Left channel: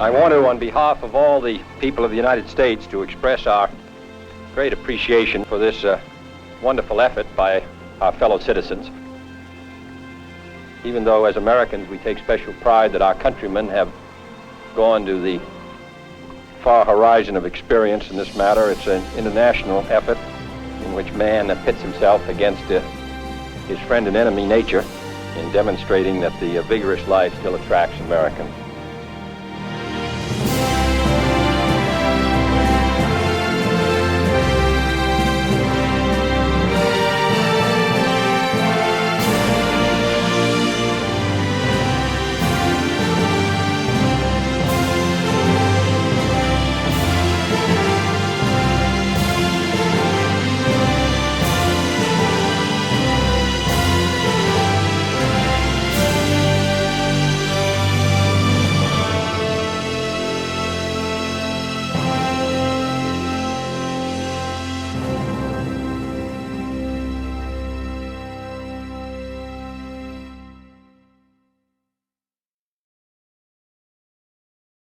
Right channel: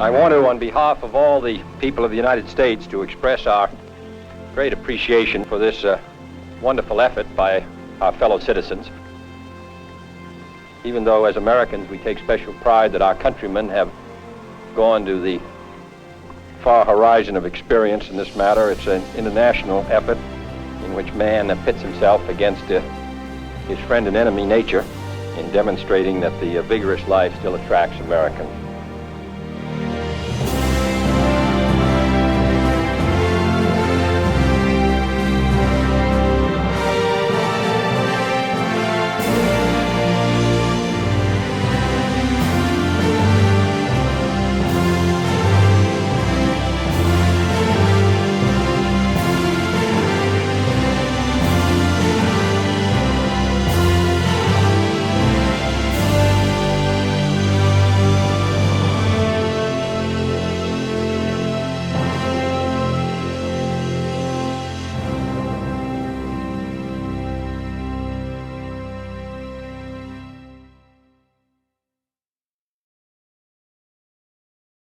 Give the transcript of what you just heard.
I want to, on behalf of all the people of the United States, to express our great appreciation for this wonderful effort by our fellow citizens. Even though as Americans we take special pride that our countrymen have gone to the far horizon of experience in this matter, it's an international effort in which man pits himself against his friend and enemy, nature, in demonstrating that the vigorous life still attracts Americans.